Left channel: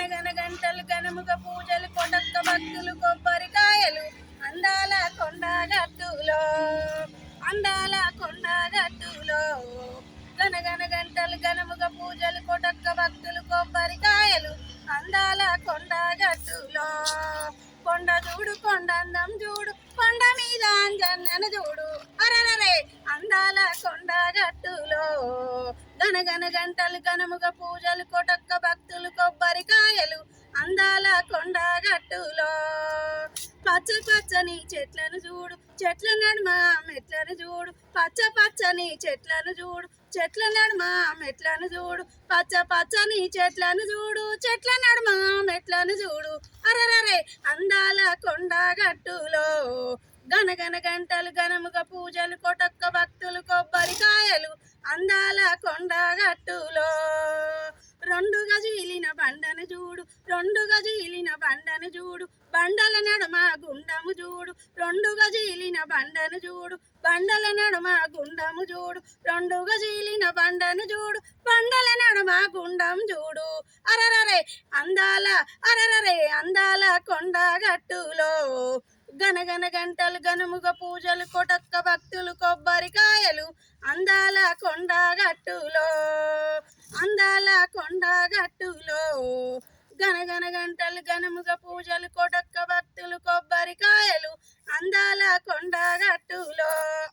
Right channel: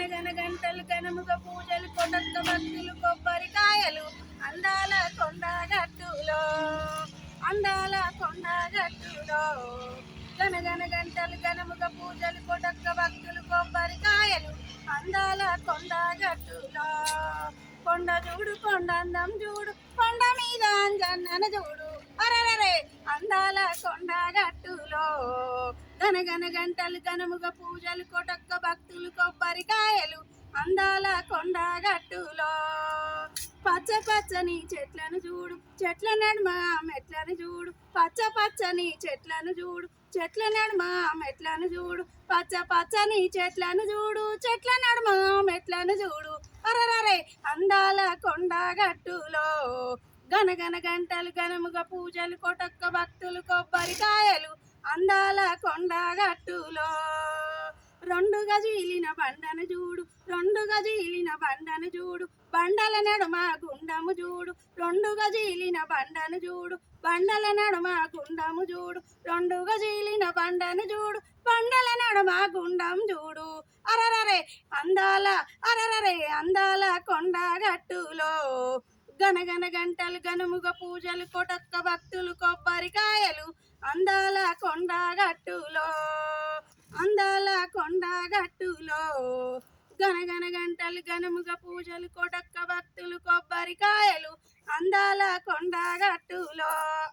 గనగన గంటలు గనముగ పూజలు కొటక్క భక్తులు కొబ్బరికాయలు అందాల కొండగట్టులో అందాల కొండగట్టులో గనగన గంటలు గనముగ పూజలు కొటక్క భక్తులు కొబ్బరికాయలు అందాల కొండగట్టులో కొండ చూడు కొండ అందం చూడు కొండ మీద అంజన్నన చూడు అరరే అందాల కొండగట్టులో గనగన గంటలు గనముగ పూజలు కొటక్క భక్తులు కొబ్బరికాయలు అందాల కొండగట్టులో పచ్చ పచ్చని చెట్లను చూడు చెట్ల నడుమ మెట్లను చూడు పచ్చ పచ్చని చెట్లను చూడు చెట్ల నడుమ మెట్లను చూడు పచ్చ పచ్చని చెట్లను చూడు చెట్ల నడుమ మెట్లను చూడు అరరే అందాల కొండగట్టులో గనగన గంటలు గనముగ పూజలు కొటక్క భక్తులు కొబ్బరికాయలు అందాల కొండగట్టులో రెండుగా జీలిన బండను చూడు రెండుగా జీలిన బండను చూడు బండల నడుమ గుండము చూడు రెండుగా జీలిన బండను చూడు బండల నడుమ గుండము చూడు రెండుగా జీలిన బండను చూడు బండల నడుమ గుండం చూడు అరరే అందాల కొండగట్టులో గనగన గంటలు గనుముగ పూజలు కొటక్క భక్తులు కొబ్బరికాయలు అందాల కొండగట్టులో అందాల కొండగట్టులో గనగన గంటలు గనుముగ పూజలు కొటక్క భక్తులు కొబ్బరికాయలు అందాల కొండగట్టులో